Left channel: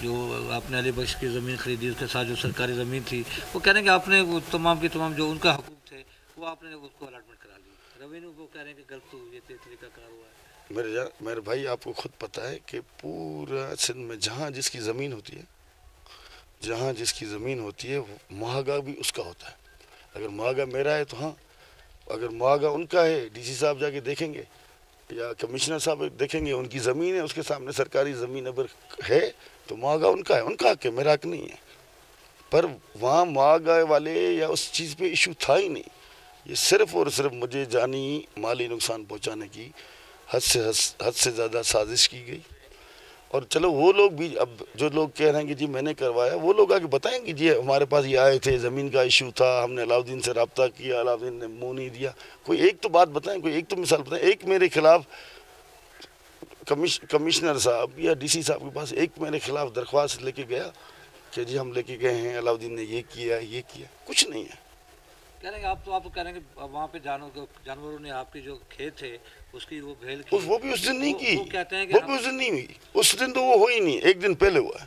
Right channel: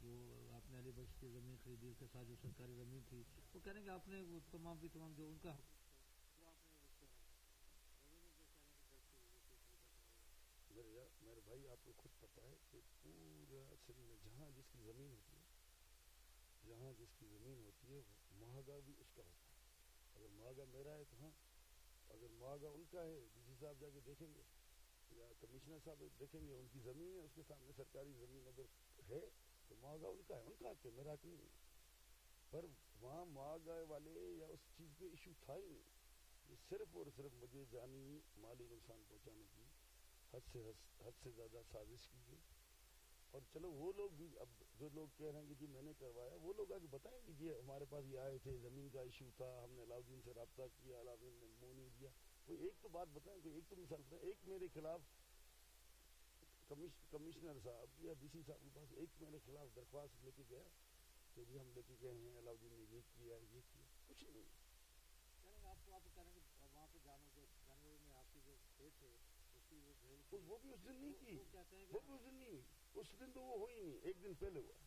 جو آپ نے علی بخش کی زمین خریدی، اس کے ساتھ جو سرکاری زمین تھی، وہ کہہ رہے ہیں کہ آپ نے وہ تمام کی تمام جو ان کا حقوق تھے وہ آپ نے اس کو الاٹمنٹ کرا لی. ریونیو وہ کہہ رہے ہیں کہ غلط تو یہ طریقہ کار ہوا ہے. میرے بھائی آپ کو خود پتہ ہے کہ پورا سندھ میں جہاں جس کی زمین ہوتی ہے، جہاں جس کی زمین ہوتی ہے معاہدہ بھی اس کا ہوتا ہے. اگر معاہدہ میرا ہے تو ہاں، اگر معاہدہ ان کا ہے ڈی سی صاحب جا کے دیکھیں گے یا کمشنر صاحب دیکھیں گے، ان کی زمین ہے، اس کے سامنے سرکاری زمین اگر ہے تو معاہدہ ان کا ہے، ان کا حق ہے، میرا حق نہیں ہے. پر وہاں معاہدہ والے یا اس چیز پہ ایشو تھا ہی نہیں. یہ صرف اور صرف مجھے جانی مالی نقصان پہنچانے کی حد سے زیادہ سازش کی گئی. اور چلو وہ لوگ بھی، اب جو لوگ کہہ رہے ہیں کہ جی میں نے کروایا، وہ لوگ آگے بتائیں کہ جی ہمارے پاس یہ آئے تھے، زمین کا ایشو تھا، ہم نے علاؤدین سے رابطہ کیا، علاؤدین نے منہ نہیں دیا. کوئی ایک تو بات بتائیں، کوئی ایک تو مثال بتائیں. ایک میرے خلاف کمشنر صاحب یا ڈی سی صاحب کے پاس ایک میرے خلاف درخواست لے کے گیا کہ جی ہم لے کے گئے ہیں، علاؤدین نے یہ کیا یہ کیا؟ کچھ نہیں ہے. کہہ رہے ہیں آپ کہہ رہے ہیں کہ وہاں پہ جانوروں نے آپ کی جو کھیت تھے اس کی وہ بھیل کی، وہ بھی اس دن نہیں کی، وہ کہتے ہیں کہ وہ بھی اس دن نہیں ہوئی. اس دن تو وہ ہوئی نہیں، ایک دن پہلے ہوا ہے.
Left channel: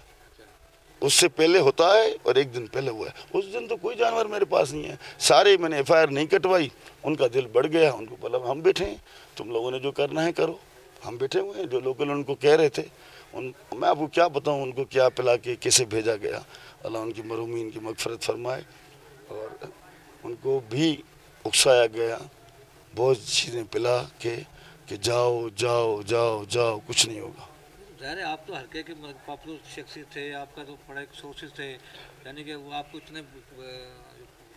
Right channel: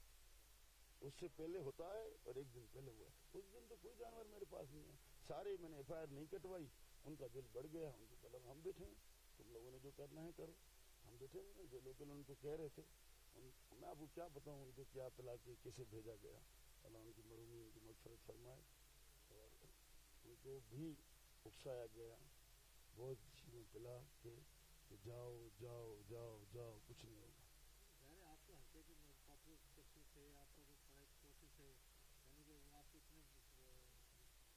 اس سے پہلے ہوتا ہے اور ایک دن پہلے ہوا ہے. اس دن تو کوئی جانور میرے پاس نہیں ہے. سارے میں نے ایف آئی آر نہیں کٹوائی. ان کا دل بڑھ گیا، ان کو بولا ہم بیٹھے ہیں، تم لوگوں نے جو کرنا ہے کرو، ہم بیٹھے ہوئے ہیں. جو لوکل ان کو کہہ رہے تھے، میں آپ کو کیا بتاؤں ان کو کیا پلا کے کیسے بھیجا گیا. اللہ ان کی مرحومین کی مغفرت فرمائے. اور ان کو بھی اکسایا گیا بہت چیزیں پلا کے کہ جاؤ جاؤ جاؤ جاؤ، کچھ نہیں ہوگا. ظاہر ہے آپ تو ہلکے کے پاپولر شخصیت تھے، آپ کا تو بڑے سورسز تھے، یعنی کہ وہ آپ کو اتنے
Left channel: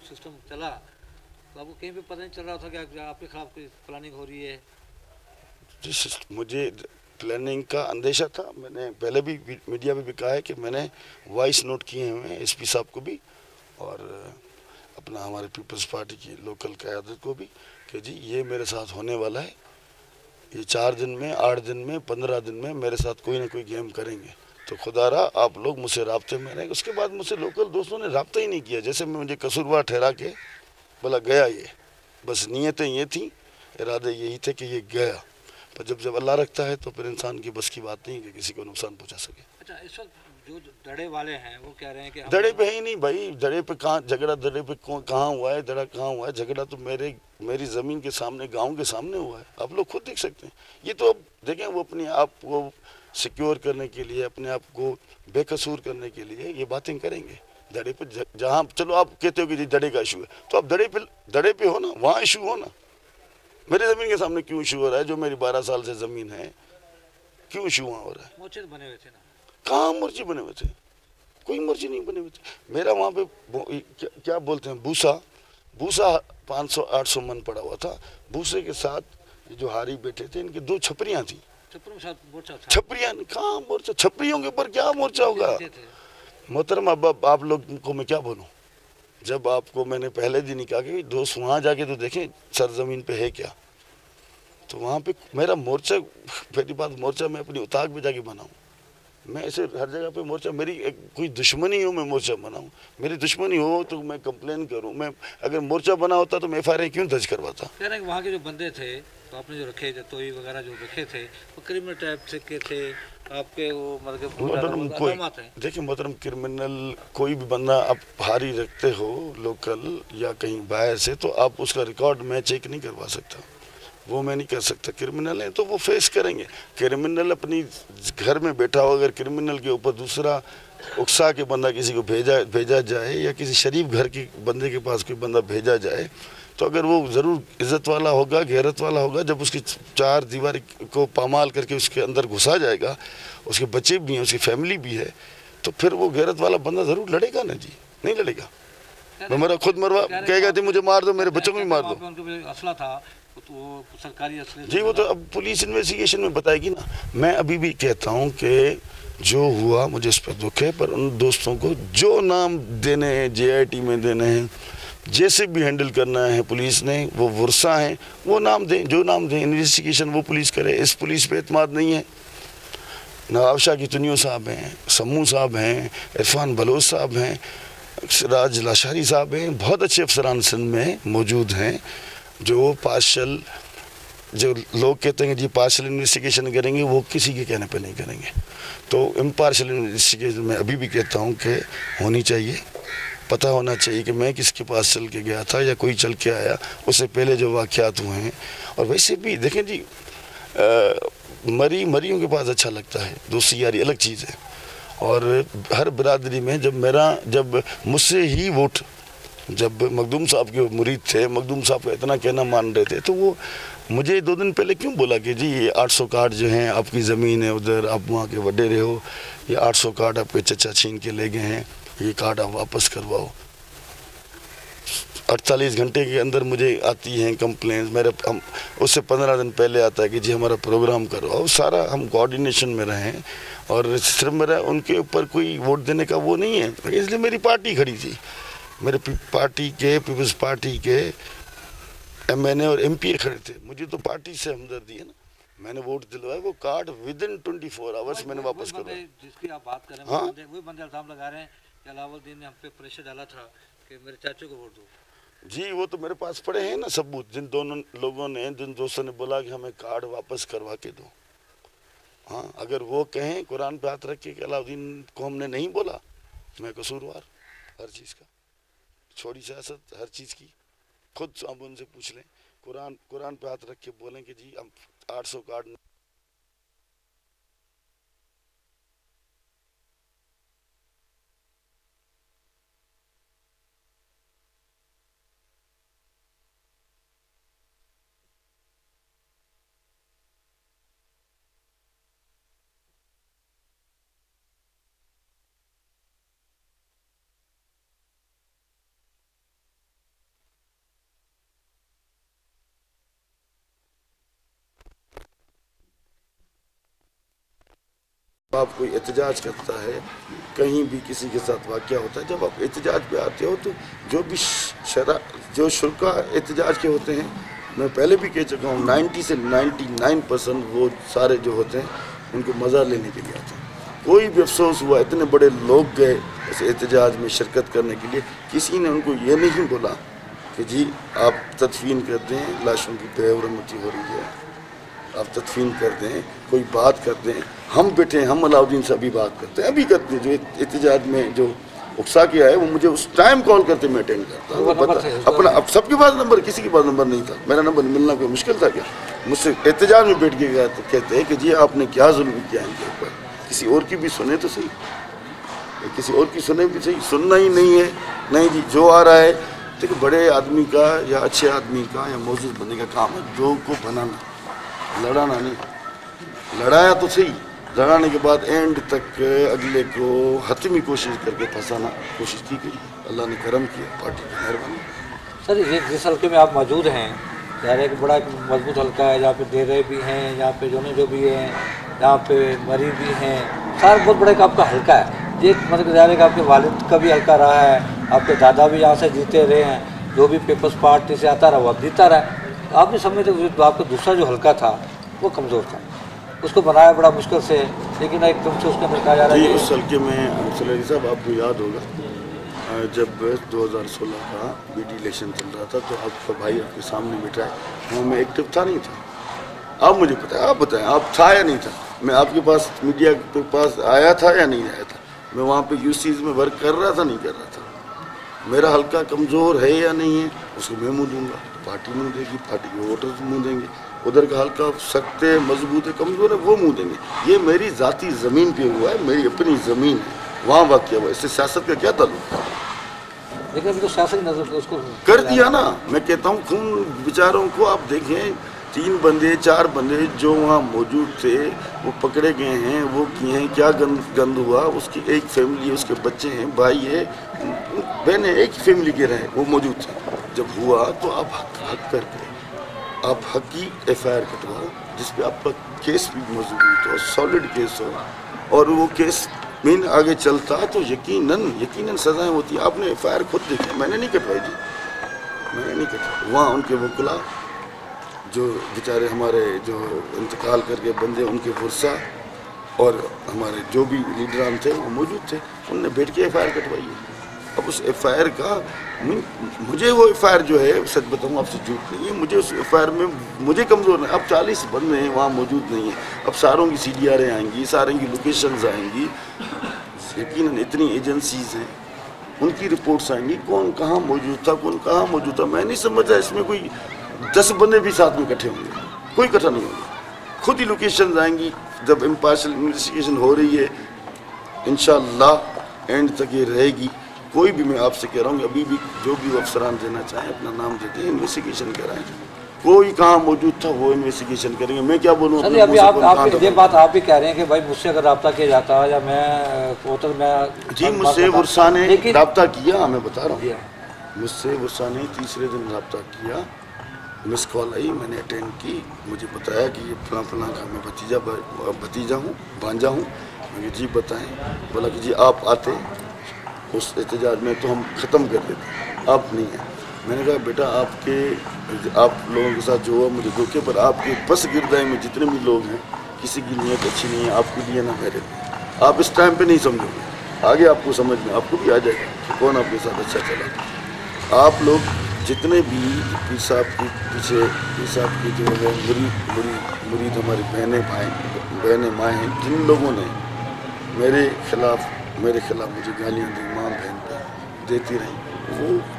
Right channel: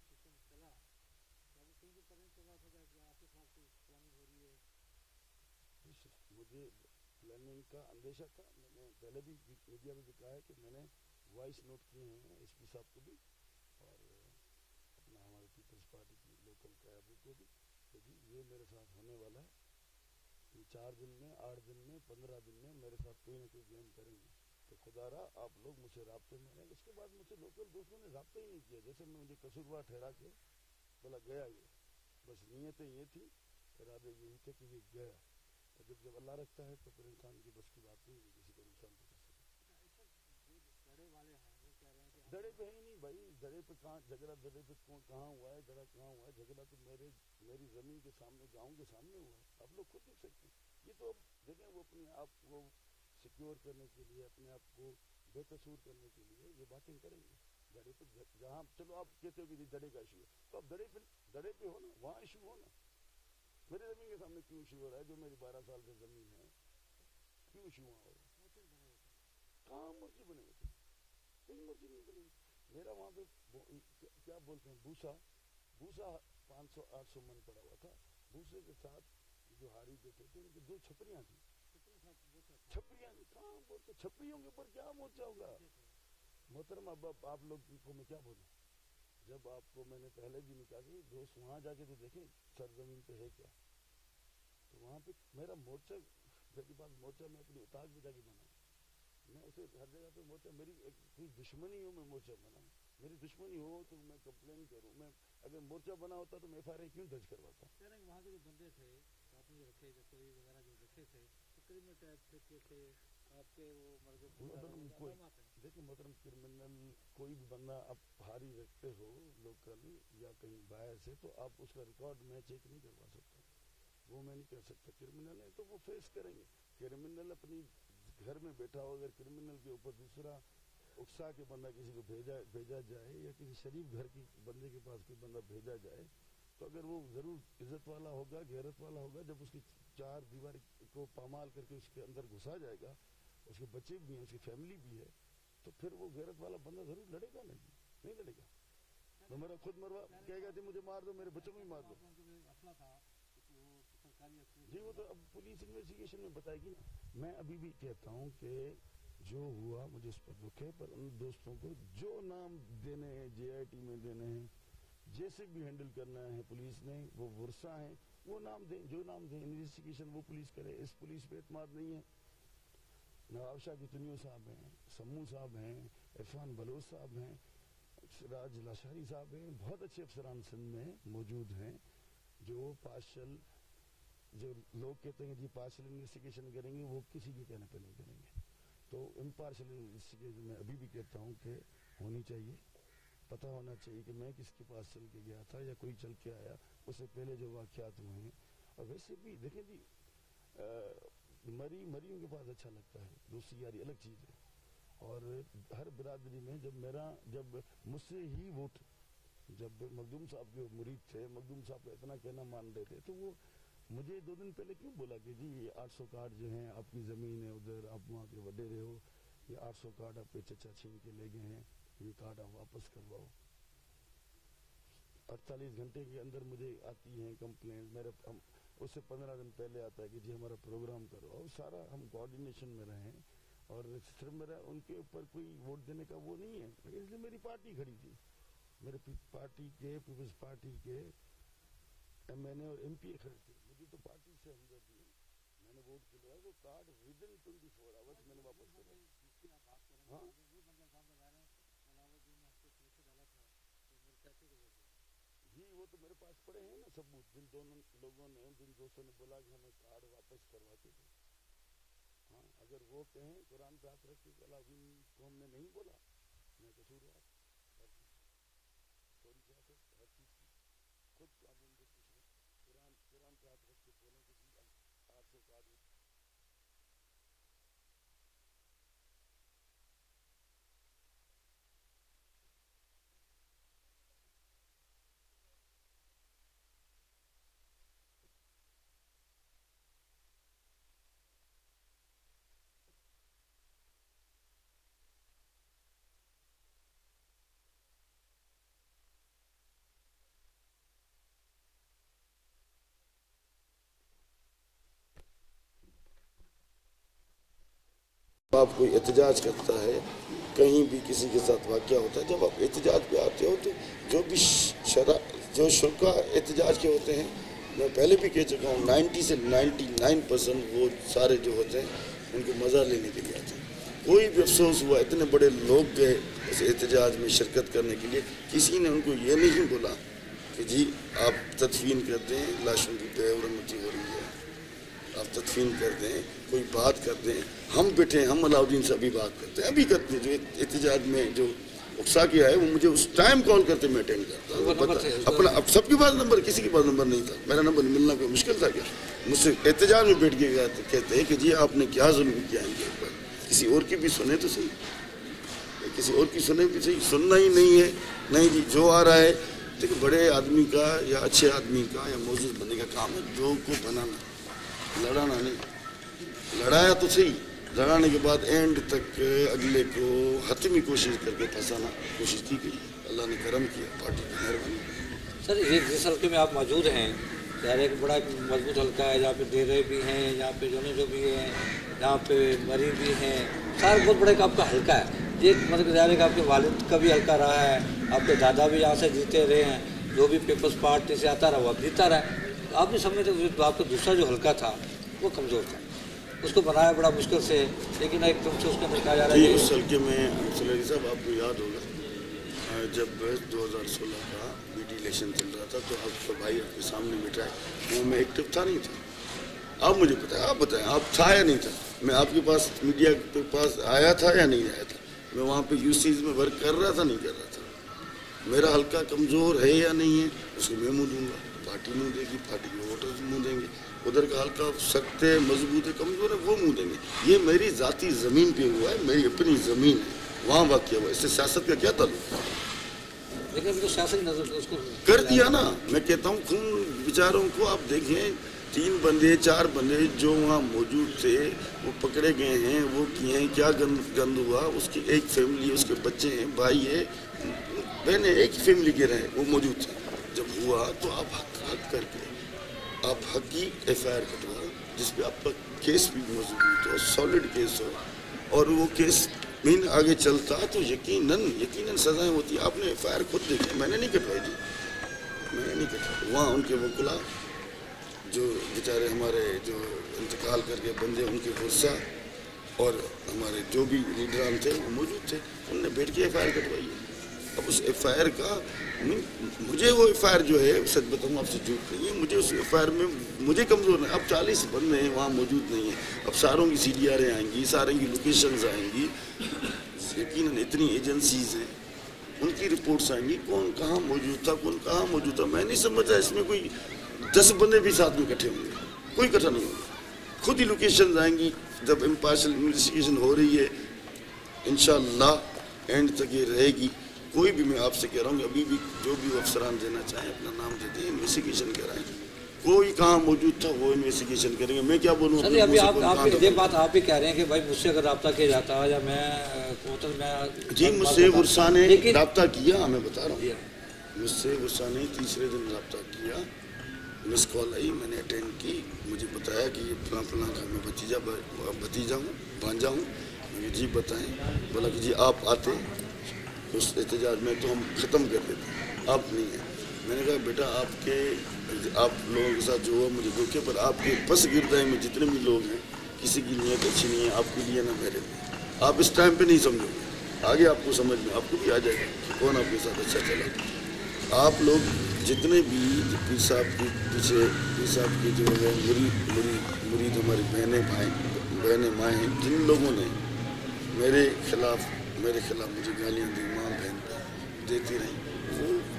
سسٹم چلا تو آپ کو کہیں پہ پتہ نہیں چل رہا تھا کہ آپ کے خلاف کوئی پلاننگ ہو رہی ہے؟ مجھے پلاننگ کا اندیشہ تھا. میں نے پہلے بھی میڈیا میں بھی کہا ہے کہ میں نے وائس نوٹ کیے ہوئے ہیں ایس پی صاحب کو بھی اور اپنا ہمارے پیپلز پارٹی کی لوکل قیادت کو بھی کہ جی یہ میرے ساتھ ہونے والا ہے. یہ 4 دن میں، 8 دن میں، 15 دن میں میرے ساتھ کوئی نہ کوئی گیم کریں گے. تو خدا رہا آپ لوگ مجھ سے رابطے میں رہیں. اس کے بعد مجھ سے لوکل دوستوں نے رابطہ ہی نہیں کیا. جیسے مجھے قصوروار ٹھہرا کے بولا گیا. یہ بس نیتیں یہ تھیں، ارادے یہی تھے کہ یہ گیا. پر جب اللہ رکھتا ہے تو پھر انسان کی بس کی بات نہیں کہ کسی کو نقصان پہنچا سکے. اچھا، اس وقت جو دڑے والے ہیں وہ کہہ رہے ہیں کہ دڑے پہ ہی نہیں بھائی، دڑے پہ کہاں جھگڑا، دڑے پہ کہاں ہوا ہے، دڑا کہاں ہوا ہے؟ جھگڑا تو میری زمین کے سامنے، گاؤں کے سامنے ہوا ہے. آپ لوگ خود دیکھ سکتے ہیں. یہ تو اب دیکھیں وہ اپنے آپ کو سیکیور کرنے کے لیے، اپنے آپ کو بے قصور کرنے کے لیے یہ باتیں کریں گے. دڑے پہ جہاں چلو آپ کہتے ہو کہ جی دڑے کا ایشو ہے تو آپ دڑے پہ ہو نا، وہاں ایشو ہو نا. میرے زمین کے سامنے کیوں ایشو ہو رہا ہے؟ جو میری 12 سال سے زمین ہے، کیوں ایشو وہاں ہو رہا ہے؟ مورچے بنے ہوئے تھے نا. کہاں مورچے بنے ہوئے تھے؟ کوئی مرضی نہیں بنے ہوئے تھے. میرا وہاں پہ کیا بولتے ہیں، بھوسا 500-800 من پڑا ہوا تھا. بھوسے کے ساتھ جو ہاری بیٹھے تھے ان کی 2 چھپریاں تھیں. چھپریاں کہاں مورچہ؟ چھپریوں کے اوپر کیا مورچہ ہوگا؟ محترم اب آپ لوگ کو میں کیا بولوں؟ جب آپ کو میں نے پہلے دن ہی کہا کہ دوست وہاں جا کے تو دیکھیں سرزمین پہ ہے کیا. تو وہاں پہ میرا مورچہ، پہلی بات مورچہ میں اپنی اتاق میں جا کے بناؤں. میں ایسے ہر جگہ پہ مورچہ، میری کوئی دشمنی ہو میں مورچہ بناؤں؟ میری دشمنی ہو تو میں کمپلین کروں. میں اگر مورچہ بنا ہوتا تو میں ایف آئی آر کیوں درج کرواتا؟ کہہ رہے ہیں کہ وہاں کے جو بندے تھے تو آپ نے جو رکھے، جو توئی وغیرہ جو رکھے تھے وہ کرمنل ٹائپ سے کے تھے آپ کے. وہ مطلب دیکھیں محترم، کرمنل کوئی بھی بندہ آپ ہاری رکھتے ہو لوکل یا کہیں باہر سے تو آپ اس کا ریکارڈ میں چیک نہیں کروا سکتا. وہ میں نہیں کر سکتا. کرمنل ہیں تو وہ فیس کریں گے. کرمنل اپنی گھر میں بیٹھا ہو، اگر کرمنل کے اوپر دوسرا اکسا کے بندہ کسی کو بھیجا جائے یا کسی شریف گھر کے بندے کے پاس کوئی بندہ بھیجا جائے تو اگر وہ ضرور عزت والا ہوگا، غیرت والا ہوگا. جب اس کی 4 دیوار کو پامال کر کے اس کے اندر گھسا جائے گا، اس کے بچے بھی ہیں، اس کی فیملی بھی ہے، تو پھر وہ غیرت والا بندہ ضرور لڑے گا نا جی. نہیں لڑے گا؟ وہ میرا خود مروا کہے گا مجھے مار دو، میرے بچوں کو بھی مار دو. اسلحہ تھا تو سرکاری اسلحے جی، وہ تو اب پولیس انویسٹیگیشن میں بتائے گی نا. میں ابھی بھی کہتا ہوں کہ جو ہوا مجھے اس پہ دکھ ہے، پر ان دوستوں کو جو نام دینے ہیں جے آئی ٹی میں دینے ہیں، جیسے بھی ہینڈل کرنا ہے پولیس نے، وہ ورثہ ہیں، وہ نام دیں، جو نام دیں. انویسٹیگیشن وہ پولیس کرے. اس پولیس پہ اعتماد نہیں ہے. نواب شاہ کی تنیو صاحب ہیں، سمو صاحب ہیں، عرفان بلوچ صاحب ہیں، راج لاشاری صاحب ہیں. بہت اچھے افسران سندھ میں موجود ہیں جو پارشل جو لوگ کہتے ہیں کہ جی پارشل انویسٹیگیشن کریں گے، وہ کسی کے کہنے پہ نہیں کریں گے. تو امپارشل انویسٹیگیشن میں ابھی بھی کہتا ہوں کہ ہونی چاہیے. پتہ ہونا چاہیے کہ میں کس کے پاس چل کے گیا تھا یا کوئی چل کے آیا، اس سے پہلے جو واقعات ہوئے ہیں. اور ویسے بھی دیکھیں جی، مریوں کے پاس اچھا لگتا ہے، دوستی یاری الگ چیز ہے. اور ہر برادری میں جب مجھ سے ہی ووٹ، جب مخدوم صاحب کے مرید تھے، مخدوم صاحب کا اتنا کہنا مان رہے تھے، تو وہ مجھے 2 دن پہلے کیوں بولا کہ جی یہ 800 کارڈ جو ہیں آپ کی زمین ہے ادھر، آپ وہاں کے وڈیرے ہو، یہ 800 کارڈ آپ کے چچا چھین کے لے گئے ہیں، یہ کارڈ آپ واپس کرواؤ. 48 گھنٹے کے اندر مجھے آتی ہیں کمپلینز. اس سے 15 دن پہلے آتا ہے کہ جی ہمارا پروگرام کرواؤ. سارا ہم کوآرڈینیشن میں رہیں، اور صرف میرا ان کے اوپر کوئی ووٹ دینے کا وہ نہیں ہے. اس لیے میری پارٹی کھڑی تھی، میرے پارٹی کے پیپلز پارٹی کے MNA اور MP کھڑے تھے. مجھے تو پارٹی سے ہمدردی ہے نا. میں نے ووٹ دلوایا، وہ کارڈ ودن 24 آورس میں نے واپس کروایا. جس کی آپ بات کر رہے ہیں وہی بندے الزام لگا رہے ہیں کہ علاؤ الدین نے ہم پہ پریشر ڈالا تھا کہ میرے چاچو کو ووٹ دو. جی وہ تو میرے پاس پڑے ہیں نا ثبوت، جن دونوں لوگوں نے، جن دوستوں نے بولا کہ ہمیں کارڈ واپس کروا کے دو. ہاں اگر وہ کہیں قرآن پہ ہاتھ رکھ کے کہ علاؤدین کو ہم نے نہیں بولا، میں قصوروار ہر چیز کا. چھوڑی سیاست ہر چیز کی، خود آپ ان سے پوچھ لیں. قرآن پہ ہاتھ رکھ کے بولیں کہ جی ہم 800 کارڈ آپ کوئی احتجاج کرتا ہے، کہیں بھی کسی کے ساتھ واقعہ ہوتا ہے، جب آپ احتجاج پہ آتے ہو تو جو شرکا احتجاج کے ہوتے ہیں، میں پہلے بھی کہہ چکا ہوں 90 سے 99% وہ سارے جو ہوتے ہیں ان کو مزہ لینے کے لیے آتے ہیں. کوئی بھی افسوس ہوا، اتنے بڑے لوگ گئے اس احتجاج میں شرکت کرنے کے لیے، کسی نے ان کو یہ نہیں بولا کہ جی آپ تدفین کر دیں، لاشوں کی بے حرمتی ہو رہی ہے، آپ تدفین کر دیں، کوئی بات کر دیں. ہم بیٹھے ہیں، ہم علاؤدین سے ابھی بات کرتے ہیں، ابھی کرتے ہیں. جو احتجاج میں جو اکسا کیا ہے وہ مجھے اس ٹائم کال کرتے میں اٹینڈ کرتا. اپنا اب سب کے پاس نمبر، کسی کے پاس نمبر نہیں تھا. میرا نمبر ملنا کوئی مشکل تھا کیا؟ مجھ سے احتجاج میں بیٹھ کے کہتے ہیں کہ جی آپ نے کیا ظلم کیا ان کے اوپر. کسی اور کی بھی سنیں تو صحیح، کسی اور کی سنیں بھی صحیح. سننا ہی نہیں ہے، نہیں جی جو آ رہا ہے. دیکھیں بڑے آدمی کا یا اچھے آدمی کا یا معزز بندے کا کام ہے جو کو بنانا، لڑانا نہیں. لڑایا تو صحیح، لڑانے کے بعد اینڈ تک اگلے کو حتمی کوشش کر کے پھنسانا کوشش کی گئی. اللہ نے کرم کیا، پارٹی کی مہربانی. سر یہ جس حلقے میں آپ موجود ہیں، ظاہر ہے کہ بڑا ایک مضبوط حلقہ ہے، جہاں پہ ڈیرے بھی ہیں، یہاں پہ جو بھی ہیں، یہاں پہ مری بھی ہیں، سارا بہت بڑا ایک آپ کا حلقہ ہے. یہ مطلب ظاہر ہے کہ آپ کے والد کا بھی حلقہ رہا ہے، آپ کے دادا بھی یہاں سے جیتے رہے ہیں، جو بھی پیپلز پارٹی سے آتا رہا وہ اب جیتا رہا ہے. آپ بھی سمجھتے کہ آپ کا دوسرا جو حلقہ تھا وہ کمزور تھا، اس کو بنایا بڑا مشکل سے، لیکن ایک دم سے اس کے اندر کہا جا رہا ہے اس حلقے میں سلیری صاحب آپ کو یاد ہوگا جب 2016 کا BD الیکشن چل رہا تھا تو آپ کا بھائی آپ کے سامنے بیٹھا ہے، وہ میں ایکٹیو تھا نہیں تھا. آپ مجھے پتہ ہے، آپ بتائیں آپ تھا یا نہیں تھا؟ میں آپ کے پاس میڈیا کے پاس آیا تھا یا نہیں آیا تھا؟ میں وہاں پہ UCs میں ورک کر رہا تھا نہیں کر رہا تھا؟ میرا حلقہ کمزور ہے یا نہیں ہے اس کو میں منہ دوں گا، پارٹی منہ دے گی، پارٹی کے ووٹرز منہ دیں گے. ادھر کا حلقہ سخت ہے، مضبوط ہے، کمزور ہے، وہ منہ دیں گے. یہ میری ذاتی زمین پہ ہوا ہے، میری اپنی زمین ہے، وہاں واقع ہوا ہے. اس سے سیاست کا کیا تعلق ہے؟ لیکن ابھی تو سیاست نظر اس کو کر دیا نا. میں کہتا ہوں خون بیچاروں کو آپ دیکھیں، 3 بندے 4 بندے جو وہاں موجود تھے وہ پکڑے گئے ہیں، وہ کیے ہیں، کیا گند ہوا. اس کی ایک فیملی، اس کے بچے ہیں، بھائی ہے، بہنیں، ایک فیملی کے رہے، وہ موجود تھے. جب ہوا تو آپ حق کر کے آپ حق کی FIR کٹواؤ جس پہ آپ کا کیس بھی مضبوط ہو، سالڈ کیس ہو، اور وہ کیس مین آگے چلتا تو یقیناً سزائیں ہوتی. آپ نے FIR خود دیکھی، میں نے نہیں کٹوائی جی، میں نے نہیں کٹوائی. وہاں ان کے وکلا جو بیچارے ہمارے جو انتقال کر کے بندے، ان کے ورثہ اور ہمارے جو بھی لیڈران تھے وہ موجود تھے، انہوں نے بیٹھ کے FIR کٹوائی ہے. اب اس ایف آئی آر کا مجھے وہ ایف آئی آر جو ہے سچ بتاؤں آپ سے جھوٹ نہیں ہے, مجھے اس ایف آئی آر میں مجھے کمزور نہیں. اب 40 بندے ہیں وہاں موجود نہیں ہیں, اب ساروں کی سی ڈی آریں آئیں گی, ساروں کی لوکیشنز آئیں گی, یقیناً اتنی ایجنسیز ہیں ان کی رپورٹس آئیں گی, کون کہاں موجود تھا کون کہاں موجود تھا. میں نہیں سمجھتا اس میں کوئی 10 بندے بھی ساتھ میں اکٹھے ہوں گے, کوئی اکٹھا نہیں ہوگا. خود ہی لوکیشنز آئیں گی. جب امپارشل انویسٹیگیشن ہو رہی ہے انشاءاللہ اینڈ تک یہ رہے گی. کوئی بھی میں آپ سے کہہ رہا ہوں کہ ابھی بھی جو بھی افسران دینا چاہیں اپنا نام دیتے ہیں, انویسٹیگیشن کرائیں. کوئی کہاں موجود تھا وہ انویسٹیگیشن کریں گے. میں کیا بولوں سر ابھی آپ یہ بات آپ بھی کہہ رہے ہیں کہ بھائی مجھ سے اگر رابطہ کیا جاتا یا میں جی مجھ سے ورثہ نے رابطہ کیا, میں بتا رہا ہوں, مجھ سے ورثہ نے تیسرے دن رابطہ کیا, مس کال آئی, میں نے اٹینڈ کی, مجھے بتایا کہ یہ فلاں فلاں کا میں بھتیجا ہوں بھانجا ہوں. میں نے جی بتائیں. بولا کہ جی آپ آتے اس احتجاج میں تو ہم ختم کر دیتے, آپ نہیں ہیں. میں نے کہا بیٹا آپ لوگوں کے ساتھ جو ہوا مجھے دھوکے پر, آپ کے پس گردائی میں جتنے بھی لوگ ہیں کسی کی نیت اچھی نہیں ہے آپ کے لیے نہ میرے لیے. آپ اس ٹائم پہ نہیں سمجھو گے, آگے آپ کو سمجھ میں آپ کو بھی آ جائے گا کہ کون آپ کے ساتھ اچھا چلا. آپ لوگ جتنے بھی پیر صاحب کے پیچھے پیر صاحب کی جو ہے مرید ہماری بہنیں مائیں ہیں, جن لوگوں نے میرے خلاف مجھے گالیاں دی, ماں بہن پہ دیتی رہیں,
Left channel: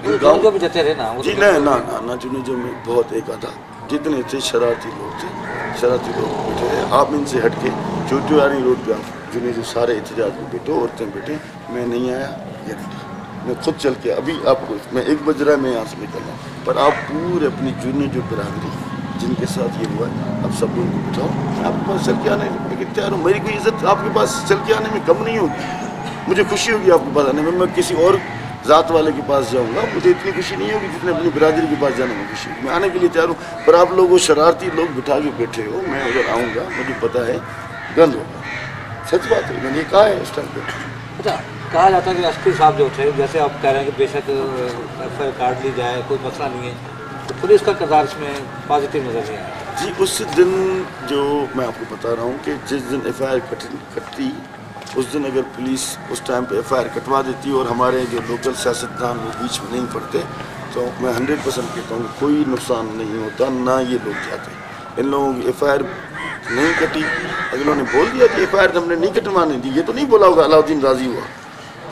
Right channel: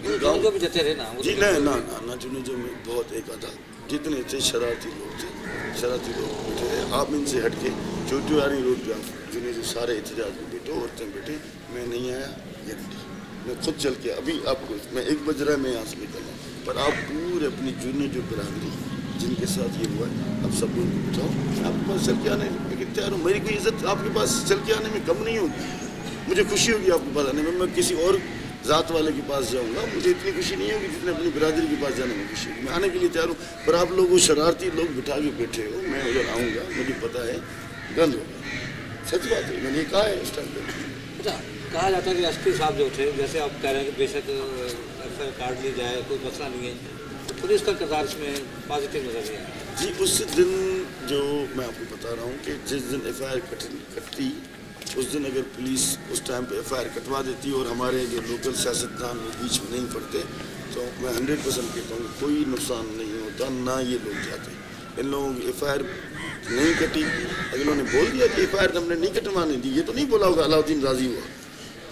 وہ گاؤں بھی جاتے رہے نا. جی نہ چنے جو میں بہت ایک آدھا جتنے تھے شرارتی لوگ بیٹھے رہے. آپ ان سے ہٹ کے چوٹیواری روڈ پہ آپ جنہیں جو سارے احتجاج میں بیٹھے, عورتیں بیٹھے, میں نہیں آیا گارنٹی. میں خود چل کے ابھی آپ کو میں 1 بج رہا ہے میں یہاں سے نکل رہا ہوں, پر آپ پورے اپنی جنہیں جو برادری جن کے ساتھ یہ ہوا ہے آپ سب لوگوں کو بٹھاؤ, میں آپ کے پاس چل کے آنے میں تیار ہوں. میری کوئی عزت آپ کے پاس چل کے آنے میں کم نہیں ہوگی, مجھے خوشی ہوگی آپ کے پاس آنے میں. میں کسی اور ذات والے کے پاس جاؤں گا, مجھے اتنی خوشی نہیں ہوگی جتنے اپنی برادری کے پاس جانے میں خوشی ہوگی. میں آنے کے لیے تیار ہوں, پر آپ لوگ وہ شرارتی لوگ بٹھا کے بیٹھے ہو, میں اگر آؤں گا مجھے پتہ ہے گند ہوگا. سچ بات ہے, میں نے یہ کہا ہے اس ٹائم پہ. اچھا کہا جاتا ہے کہ ایس پی صاحب جو تھے, جیسے آپ کہہ رہے ہیں کہ بے شک ایف آئی آر کاٹ لی جائے کوئی مسئلہ نہیں ہے, تو پولیس کا کردار اس میں پازیٹیو نظر نہیں آیا. جی اس دن جو میں آپ کو بتا رہا ہوں کہ جس دن ایف آئی آر کٹتی اس دن اگر پولیس اس ٹائم پہ ایف آئی آر کٹوا دیتی اور ہمارے جو لوکل سیاستدان وہ بیچ میں نہیں پڑتے, تو میں 100% کہتا ہوں کہ کوئی نقصان نہیں ہوتا, نہ یہ لوگ جاتے. ان لوگوں کی ایف آئی آر نہیں کٹی, اگر انہوں نے بول دیا کہ ایف آئی آر ہم نے نہیں کٹوانے دی, یہ تو نہیں بولا ہوگا علاؤدین راضی ہوا,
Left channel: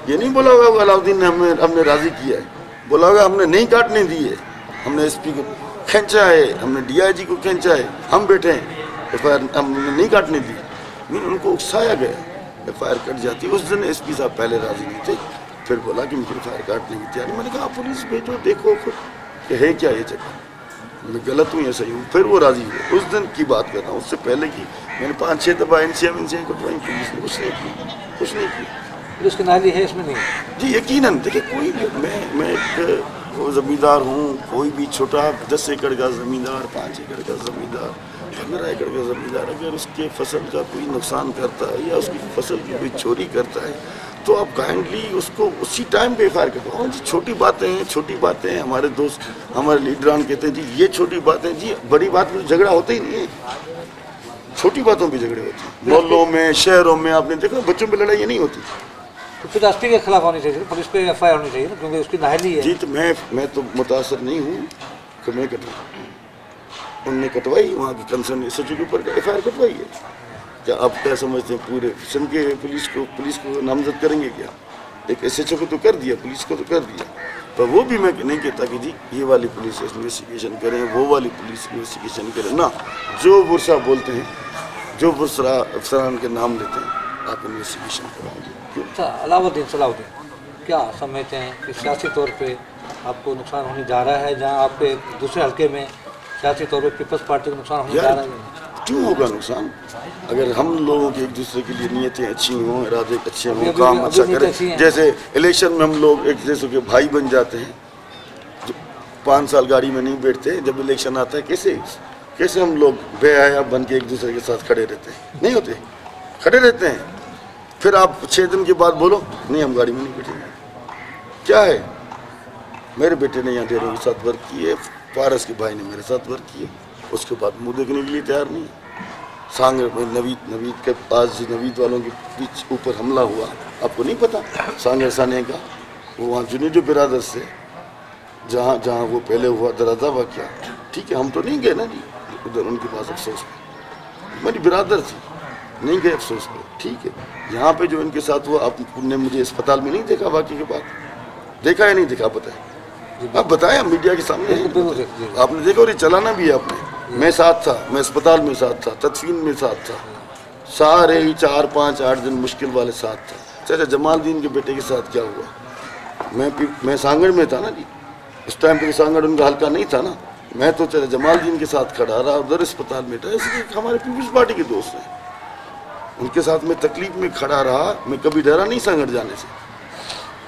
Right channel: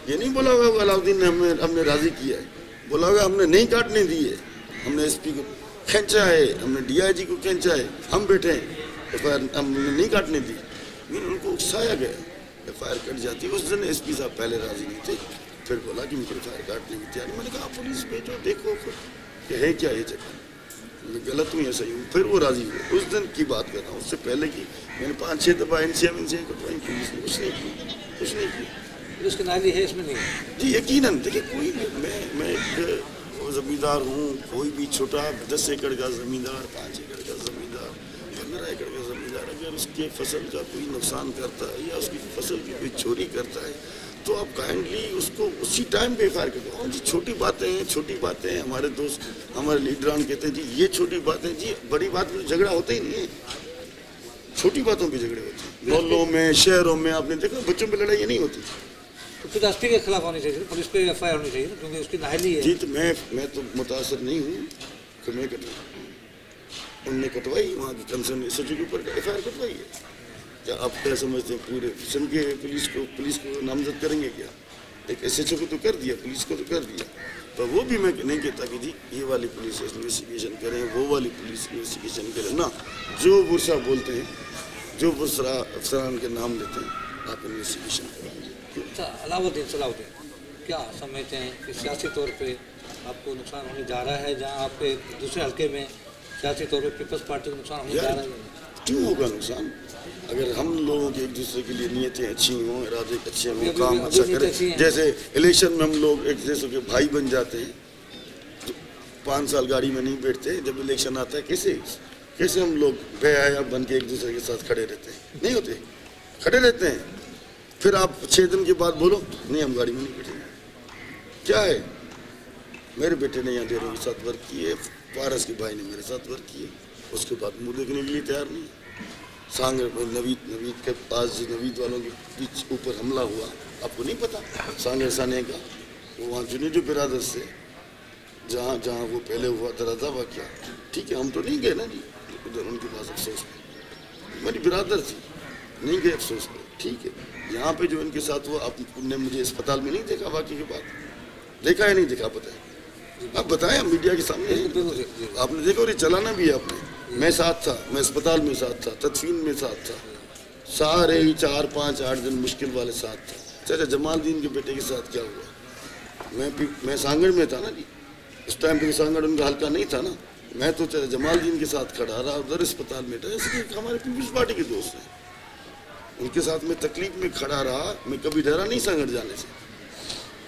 یہ نہیں بولا ہوگا علاؤدین نے ہم نے راضی کیا ہے, بولا ہوگا ہم نے نہیں کاٹنے دی ہے, ہم نے ایس پی کو کھینچا ہے, ہم نے ڈی آئی جی کو کھینچا ہے, ہم بیٹھے ہیں, ایف آئی آر ہم نے نہیں کاٹنے دی. ان کو اکسایا گیا, ایف آئی آر کٹ جاتی. اس دن ایس پی صاحب پہلے راضی نہیں تھے, پھر بولا کہ مجھے ایف آئی آر کاٹنے کی تیاری. میں نے کہا پولیس بھیجو, دیکھو خود کہ ہے کیا یہ چکر, میں غلط ہوں یا صحیح ہوں. پھر وہ راضی ہوئے. اس دن کی بات کر رہا ہوں, اس سے پہلے کی میں نے 5-6 دفعہ این سی کٹوائی, پولیس نے کچھ نہیں کی. پولیس کی نااہلی ہے اس میں نہیں. جی یقیناً دیکھیں, کوئی بھی میں ایک زمیندار ہوں, کوئی بھی چھوٹا 10 ایکڑ کا زمیندار, 5 ایکڑ کا زمیندار, 15 ایکڑ کا زمیندار, اگر اس کے فصل کا کوئی نقصان کرتا ہے یا اس کی فصل کی کوئی چوری کرتا ہے تو آپ کائنڈلی اس کو اسی ٹائم پہ ایف آئی آر کرواؤ. جی چھوٹی باتیں ہیں. ہمارے دوست ہمارے لیڈران کہتے ہیں جی یہ چھوٹی باتیں, جی بڑی بات میں جھگڑا ہوتا ہی نہیں ہے, چھوٹی باتوں پہ جھگڑے ہوتے ہیں. محلوں میں, شہروں میں آپ نے دیکھا بچوں پہ لڑائی نہیں ہوتی. تو پھر ایس پی کے خلاف ہونی چاہیے, پولیس پہ ایف آئی آر ہونی چاہیے نا, کیونکہ اس کی نااہلی ہے. جی تو میں تو متاثر نہیں ہوں کہ میں کٹواؤں. ان نے کٹوائی, وہاں کی کنسرن ایس ایچ او کے اوپر ایف آئی آر کٹوائی ہے. کیا آپ کیا سمجھتے ہیں پورے سندھ کے پولیس کو نامزد کریں گے کیا؟ ایک ایس ایچ او کو تو کر دیا, پولیس کو تو کر دیا, پر وہ بھی میں نہیں کہتا کہ جی یہ والی پولیس انویسٹیگیشن کریں, وہ والی پولیس انویسٹیگیشن کریں. نہ, جو ورثہ بولتے ہیں, جو ورثہ افسران کے نام لیتے ہیں, آپ انویسٹیگیشن کرائیں گے. اچھا صلاح الدین کیا سمجھتے ہیں کہ سیاسی طور پہ آپ کو نقصان ہونے جا رہا ہے, جہاں آپ کے دوسرے حلقے میں سیاسی طور پہ پیپلز پارٹی کو نقصان ہونے جا رہا ہے؟ کیوں ہوگا نقصان؟ اگر ہم لوگوں کی ایک دوسرے کے لیے نیتیں اچھی ہوں, ارادے اچھے ہوں, کام اچھا کریں. جیسے الیکشن میں ہم لوگ ایک دوسرے کے بھائی بن جاتے ہیں, 5 سال گاڑی میں نہیں بیٹھتے, جب الیکشن آتا ہے کیسے ہم لوگ بے حیا بن کے ایک دوسرے کے ساتھ کھڑے رہتے ہیں؟ نہیں ہوتے, کھڑے رہتے ہیں. پھر آپ 6 دن کے بعد بولو نہیں ہم گاڑی میں نہیں بیٹھیں گے. کیا ہے, میرے بیٹے نے یہاں ڈیروں کے ساتھ ورک کیے, پارس کے بھائی نے میرے ساتھ ورک کیے, اس کے بعد منہ دیکھنے کے لیے تیار نہیں. سانگر میں نوید کے پاس نوید والوں کے بیچ اوپر حملہ ہوا, آپ کو نہیں پتا سانگر سانے کا, وہ وہاں جنیدو برادر سے جہاں جہاں وہ پہلے ہوا درازہ واقعہ، ٹھیک ہے، ہم تو نہیں گئے نا جی ادھر ان کے پاس افسوس پہ، میری برادر تھی، نہیں گئے افسوس پہ، ٹھیک ہے۔ یہاں پہ جو ان کے ساتھ ہوا، آپ نے مجھے اسپتال میں نہیں دیکھا واقعے کے بعد، دیکھا یا نہیں دیکھا بتائیں، آپ بتائیں میڈیا کے سامنے، آپ نے دیکھا اور یہ چلانا بھی ہے آپ نے، میں ساتھ تھا، میں اسپتال میں ساتھ تھا، تدفین میں ساتھ تھا، سارے ہی 4 5 8 دن مشکل والے ساتھ تھا۔ چاچا جمال الدین کے بیٹے کے ساتھ کیا ہوا، میں سانگڑ میں تھا نا جی، اس ٹائم پہ سانگڑ ان کا حلقہ نہیں تھا نا، میں تو چاچا جمال الدین کے ساتھ کھڑا رہا، ادھر اسپتال میں تھا، اس لیے ہمارے پیپلز پارٹی کے دوست ہیں، ان کے ساتھ میں تکلیف میں کھڑا رہا، میں کبھی ڈرا نہیں سانگڑ جانے سے۔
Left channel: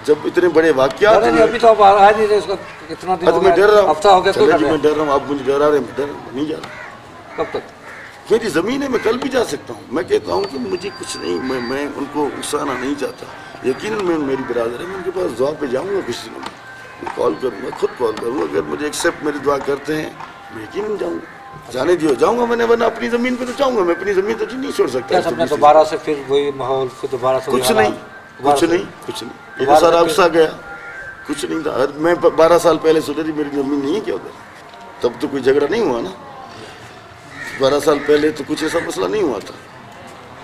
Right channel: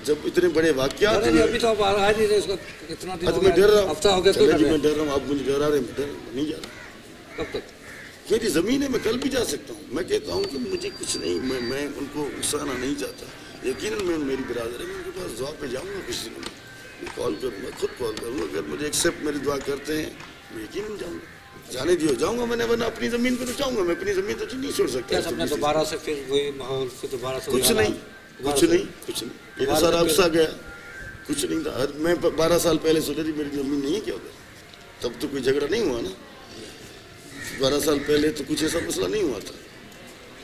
جب اتنے بڑے واقعات ہوئے، ابھی تو آپ آ نہیں رہے، اس کا اتنا دن ہو میں ڈر رہا گیا، ہوں، ہفتہ ہو گیا، چلے جی میں ڈر رہا ہوں، آپ مجھے ڈرا رہے ہیں، میں ڈر رہا ہوں، نہیں جا رہا، کب تک؟ میری زمین ہے، میں کل بھی جا سکتا ہوں، میں کہتا ہوں کہ مجھے کچھ نہیں، میں ان کو اکسانا نہیں چاہتا، یقیناً میں میری برادر ہے، میں ان کے پاس دعا پہ جاؤں گا کچھ دنوں میں کال کروں گا، خود کال کروں گا، اگر مجھے ایکسیپٹ میری دعا کرتے ہیں میں یقیناً جاؤں گا، جانے دیو جاؤں گا، میں نے ورنہ اپنی زمین پہ تو جاؤں گا، میں اپنی زمین تو نہیں چھوڑ سکتا۔ کیا سمجھا دوبارہ سے پھر وہی ماحول، پھر دوبارہ سے کچھ نہیں، کچھ نہیں، کچھ نہیں، یہ تو سارا افسا گیا، کچھ نہیں تھا۔ میں 12 سال پہلے سوچا تھی میری زمین نہیں ہے کیا ادھر، تب تو کوئی جھگڑا نہیں ہوا نا، 12 سال پہلے تو کچھ ایسا مسئلہ نہیں ہوا تھا،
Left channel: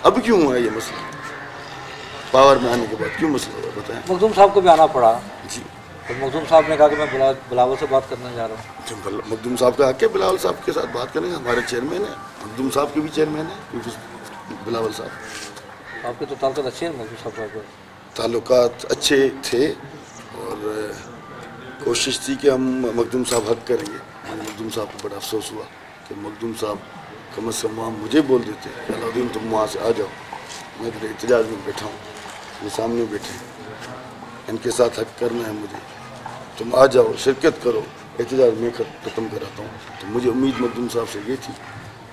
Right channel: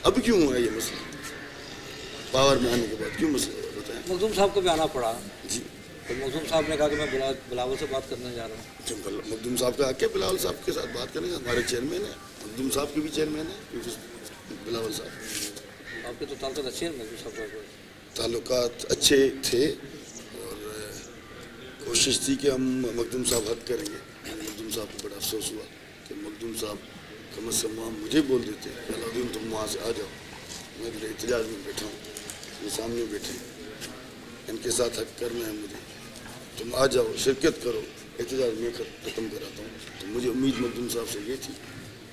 اب کیوں ہوا ہے یہ مسئلہ، پاور میں آنے کے بعد کیوں مسئلہ ہوا بتائیں؟ مخدوم صاحب کو بھی آنا پڑا جی، تو مخدوم صاحب نے کہا کہ میں بلاول سے بات کرنے جا رہا ہوں۔ مخدوم صاحب کا حق ہے بلاول صاحب کے ساتھ بات کریں، ہمارے چیئرمین ہیں، مخدوم صاحب کے بھی چیئرمین ہیں بلاول صاحب، آپ کے تو تعلقات اچھے ہیں مخدوم صاحب کو؟ تعلقات اچھے تھے اور کوشش تھی کہ ہم مخدوم صاحب حق کریں گے۔ مخدوم صاحب کو بڑا افسوس ہوا کہ مخدوم صاحب کم از کم وہاں مجھے بول دیتے کہ علاؤدین تم وہاں سے آ جاؤ، میں ادھر احتجاج میں بیٹھا ہوں، یہ سامنے بیٹھے، ان کے ساتھ حق کرنا ہے مجھے، تم آ جاؤ، شرکت کرو، احتجاج میں ختم کراتا ہوں۔ تو مجھے امید مخدوم صاحب سے یہ تھی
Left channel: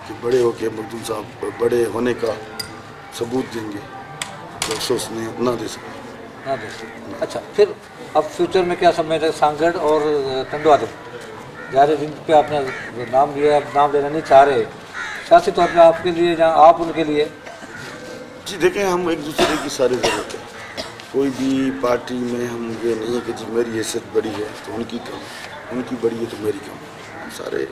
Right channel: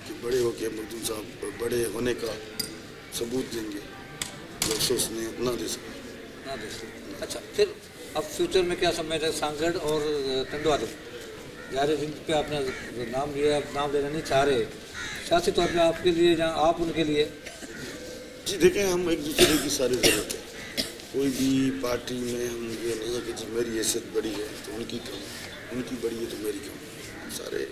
کہ بڑے ہو کے مخدوم صاحب بڑے ہونے کا ثبوت دیں گے، جو افسوس نہ دے سکے۔ اچھا، پھر اب فیوچر میں کیا سمجھ رہے؟ سانگڑ اور ٹنڈو آدم ظاہر جن پہ آپ نے نام لیا، اب نام لینا نہیں چاہ رہے، سیاسی طور پہ آپ کے لیے جہاں آپ ان کے لیے؟ جی دیکھیں، ہم ایک دوسرے کی ساری ضرورت ہے، کوئی بھی پارٹی میں ہم یہ نہیں ہے کہ جی میری حیثیت بڑی ہے تو ان کی کم، ان کی بڑی ہے تو میری کم، ہم سارے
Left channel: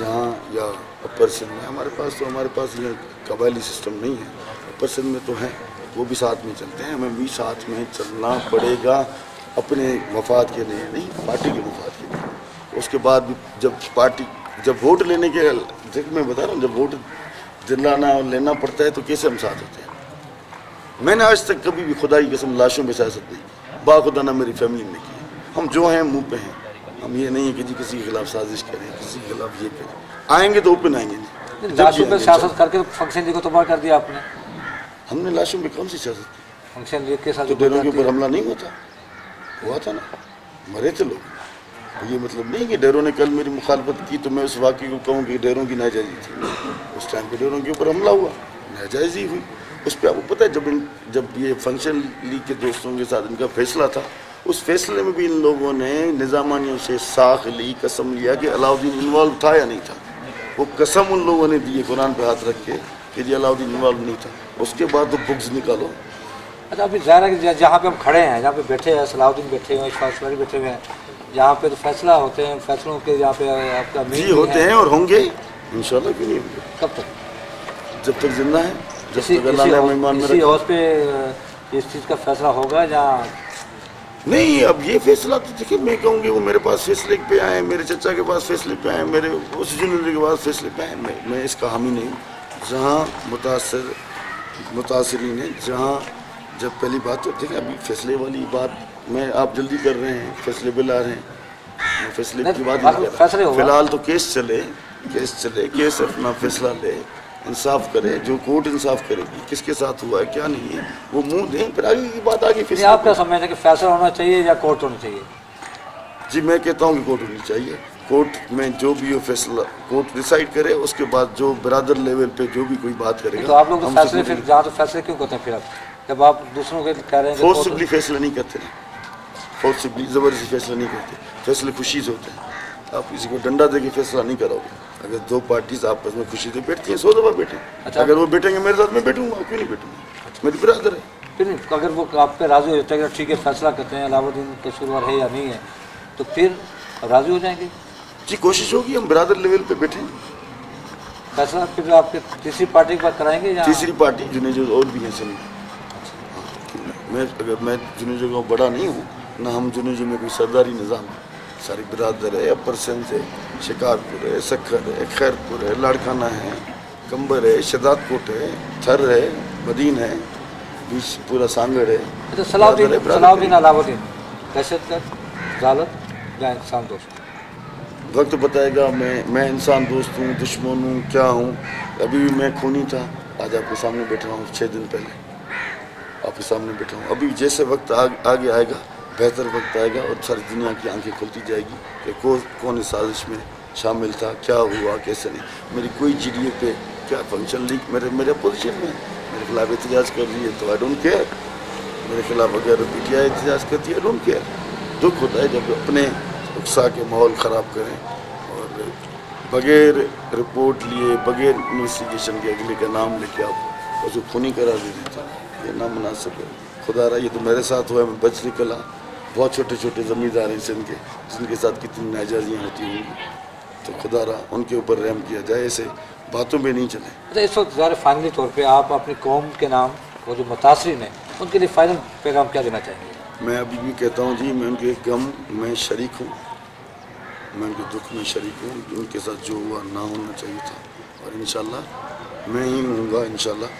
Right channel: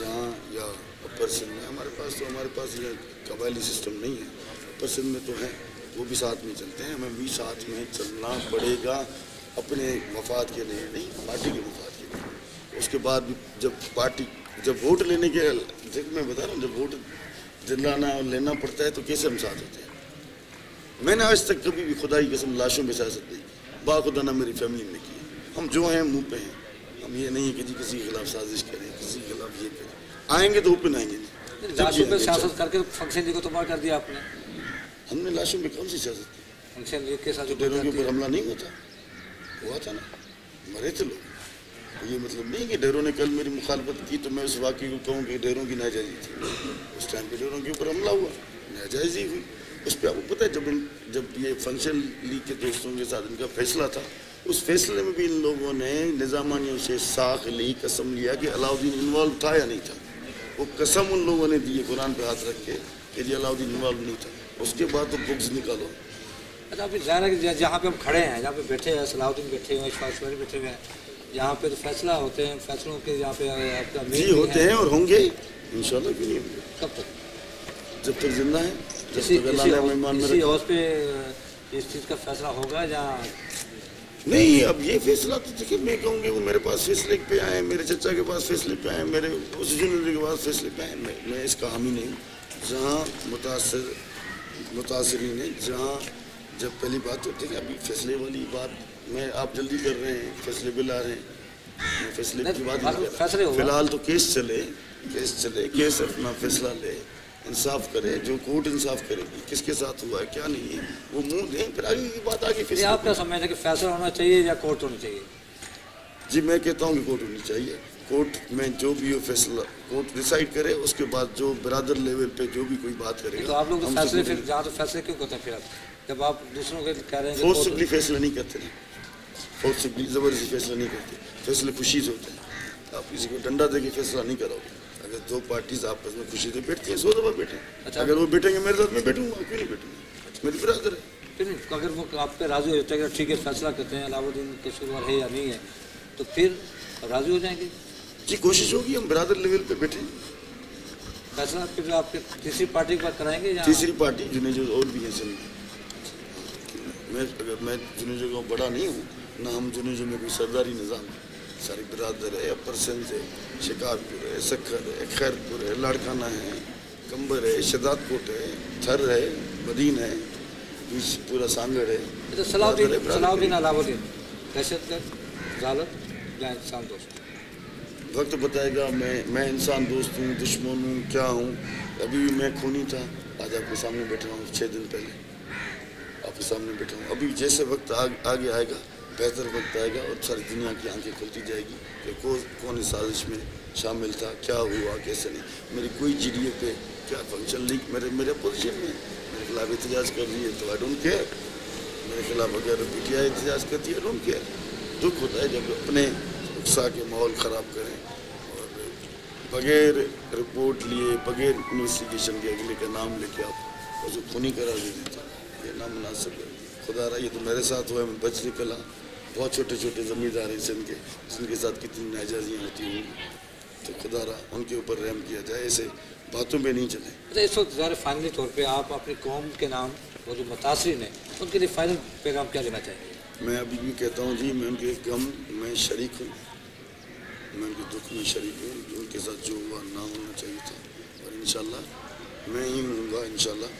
یہاں یا اپر سندھ میں، ہمارے پاس یہ قبائلی سسٹم نہیں ہے، اپر سندھ میں تو ہیں، وہ بھی ساتھ میں چلتے ہیں، ہمیں بھی ساتھ میں چلنا پڑے گا، اپنے مفاد کے لیے نہیں، پارٹی کے مفاد کے لیے۔ اس کے بعد بھی جب ووٹ لینے کے، دیکھ میں بتا رہا ہوں، جب ووٹ دلانا اور لینا پڑتا ہے تو کیسے ہم ساتھ ہوتے ہیں۔ میں نے آج تک کبھی بھی خدا کی قسم لاشوں میں سیاست نہیں کی، باخدا نہ میری فیملی میں کی، ہم جو ہیں منہ پہ ہیں، ہم یہ نہیں ہے کہ جی کسی کے خلاف سازش کریں، کسی کے خلاف یہ کریں، آئیں گے تو اوپن آئیں گے جی، لاشوں پہ سیاست کر کے فنکشن لیگ کو تباہ کر دیا آپ نے۔ ہم نے لاشوں میں کون سی سیاست کی؟ فنکشن لیگ کے ساتھ تو ڈیروں کے اوپر حملہ نہیں ہوا تھا نا، مرے تھے لوگ، یہ مطلب نہیں کہ ڈیروں نے کل میری مخالفت کی تو میں اس واقعے کو کہوں کہ ڈیروں کی ناجائزی تھی، اس ٹائم پہ ڈیروں کے اوپر حملہ ہوا، ناجائزی ہوئی، اس پہ آپ کو پتہ ہے جب یہ فنکشن لیگ کے دوستوں کے ساتھ ان کا فیصلہ تھا، اس فیصلے میں بھی ان لوگوں نے نظامانیوں سے ساخ لی، قسم لیا کہ علاؤدین انوالو تھا یا نہیں تھا، وہ قسم ان لوگوں نے دی ہے قرآن پہ ہاتھ رکھ کے کہ جی علاؤدین انوالو نہیں تھا، اس کے بعد تو بغض نکالو۔ اچھا، ابھی ظاہر ہے کہ جہاں پہ ہم کھڑے ہیں، جہاں پہ بیٹھے ہیں، صلاح الدین بیٹھے ہوئے ہیں، اشفاق سواری بیٹھے ہوئے ہیں، جہاں پہ تو فیصلہ ہوتے ہیں، فیصلوں کے جہاں پہ آپ کا جی ہوتے ہیں اور ہوں گے انشاءاللہ، کیوں نہیں ہوں گے؟ کب تک؟ جب تک زندہ ہے، جب تک اللہ نے ہمیں ایمان میں اسی رکھا۔ حوض پہ اس چیز کا فیصلہ ہوگا جہاں نہیں، اب یہ فیصلہ تو دیکھیں، میں کہوں گی وہ میرے پاس فیصلے پہ آئے، میرے چچا کے پاس فیصلے پہ آئے، میرے اس جنوبی کے پاس فیصلے پہ آئے، میں اس کا حامی نہیں ہوں۔ جہاں متاثرین ہیں، جہاں جب پہلی بات تو دیکھیں، ابھی فیصلے والی بات میں آپ جلدی کر رہے ہیں، فیصلے بل آ رہے ہیں، میں فیصلے کی بات نہیں کر رہا، فی الحال تو کیس چلے، کیس اپنا فیصلہ لے، انصاف کرے، جو کورٹ انصاف کرے گی، کس کے ساتھ ہوا ہے کیا نہیں ہے وہ منہ دیں، پھر آگے کی بات آگے فیصلہ۔ آپ کیا سمجھتے ہیں کہ فیصلہ ہونا چاہیے یا کورٹ ہونی چاہیے؟ جی میں کہتا ہوں کہ کورٹ ہونی چاہیے، کورٹ میں جو بھی ہو فیصلہ کورٹ ڈیسائیڈ کرے، اس کے بعد جو برادر لیول پہ جو بھی کوئی بات کرے گا۔ تو آپ لوگ تو فیصلے پھر جہاں تو فیصلے کیوں کرتے ہیں پھر آپ، جب آپ دوسروں کے کہہ رہے ہیں؟ فورسبلی فیصلہ نہیں کرتے، فورسبلی زبردستی فیصلہ نہیں کرتے، فیصلے خوشی سے ہوتے ہیں، آپ کسی کو ڈنڈا دے کے فیصلہ نہیں کراؤ گے۔ اگر دو پارٹیز آپس میں خوشی سے بیٹھتی ہیں 100 دفعہ بیٹھیں، اگر وہ بیٹھیں گے میرے ساتھ میں بیٹھوں گا، کیوں نہیں بیٹھوں گا، میری برادر ہے۔ پھر اگر وہ آپ پہ راضی ہو جاتا ہے کہ ٹھیک ہے فیصلہ کرتے ہیں علاؤالدین قصوروار ہے یا نہیں ہے تو پھر راضی ہو جائیں گے؟ جی کوشش ہوگی، ہم برادر لیول پہ بیٹھیں. فیصلہ پھر آپ کے تیسری پارٹی پر کرائیں گے یا تیسری پارٹی جنیجو اور بھی ہیں سن. میں جنیجو کا بڑا نہیں ہوں، نہ ہم جنیجو میں کوئی سرداری نظام ہے. ساری برادر ہے، اپر سندھ ہے، شکارپور ہے، سکھر ہے، خیرپور ہے، لاڑکانہ ہے، کمبر ہے، شداد کوٹ ہے، تھر ہے، مدین ہے، بیچ پورا سانگڑ ہے. صلاح الدین علاؤالدین دہشت گرد، ظالم یا انسان دوست؟ وقت بتائے گا. میں انسان دوست ہوں، دشمن ہوں، کیا ہوں. ابھی بھی میں خونی تھا، آج آپ کے سامنے بیٹھا ہوں. 6 دن پہلے آپ کے سامنے بیٹھا ہوں. ابھی جیسے وقت آگے آئے گا، بہتر وقت آئے گا اور ساری دنیا کی آنکھیں کھلتی جائے گی کہ کون اس سازش میں شامل تھا، کیا ہوا، کیسے نہیں. میری کوئی جی ڈی اے پہ کیا فنکشن لیگ میرے اپوزیشن میں میرے خلاف احتجاج کر رہی ہے تو آئی ڈونٹ کیئر. میرے خلاف اگر پی ٹی آئی احتجاج کرتی ہے آئی ڈونٹ کیئر. دکھ ہوتا ہے جب اپنے اقسا کے ماحول خراب کریں اور بغیر رپورٹ لیے، بغیر انویسٹیگیشن کے اگلے کا نام لے کے آپ اس کو خونی قرار دے دیتے ہیں. یہ نامناسب ہے. خدا رہا یہ تو میرے ساتھ ہوا ہے، میں بچ نکلا. بہت چھوٹے چھوٹے زمیندار ہیں سندھ کے جن کے ساتھ کتنی ناجائزیاں ہوتی ہوں گی، تو خدا رہا ان کے اوپر رحم کیا جائے، ایسے باتوں میں نہیں چلیں. اچھا اس وقت ظاہر فائنلی طور پہ آپ اپنی قوم کے نام وہ جو متاثرین ہیں ان کے لیے فائنل پیغام کیا دینا چاہیں گے؟ میں ابھی بھی کہتا ہوں جی، میں ان کے غم میں شریک ہوں، میں ان کے دکھ میں شریک ہوں. ان کے ساتھ جو ہوا نہ ہونا چاہیے تھا اور انشاءاللہ میں ہی ہوں گا. انشاءاللہ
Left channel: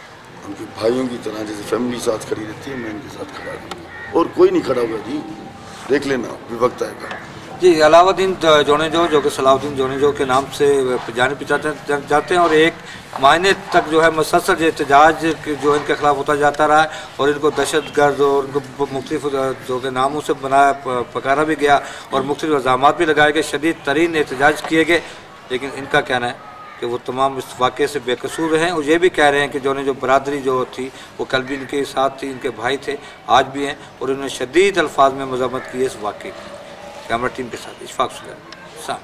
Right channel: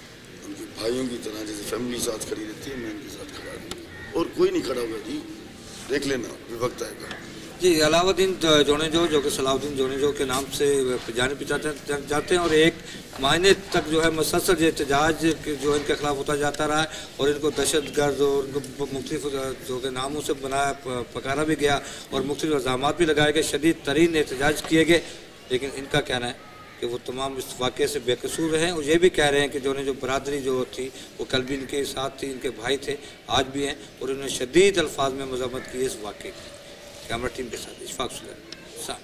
ان کے بھائیوں کی طرح جیسے فیملی ساتھ کھڑی رہتی ہے میں ان کے ساتھ کھڑا رہوں گا. اور کوئی نہیں کھڑا ہوگا جی، دیکھ لینا بھی وقت آئے گا. جی علاؤالدین جونیجو جو کہ صلاح الدین جونیجو کے نام سے جانے جاتے ہیں اور ایک مہینے تک جو ہے مسلسل احتجاج جو ان کے خلاف ہوتا جاتا رہا ہے اور ان کو دہشت گرد اور ان کو مختلف جو کہ ناموں سے بنایا پکارا بھی گیا اور مختلف الزامات بھی لگائے گئے، شدید ترین احتجاج کیے گئے. لیکن ان کا کہنا ہے کہ وہ تمام اس واقعے سے بے قصور ہیں اور یہ بھی کہہ رہے ہیں کہ جو برادری جو تھی وہ کل بھی ان کے ساتھ تھی، ان کے بھائی تھے، آج بھی ہیں اور انہوں نے شدید الفاظ میں مذمت کی ہے اس واقعے کی. کیمرہ ٹیم کے ساتھ اشفاق سلیمان.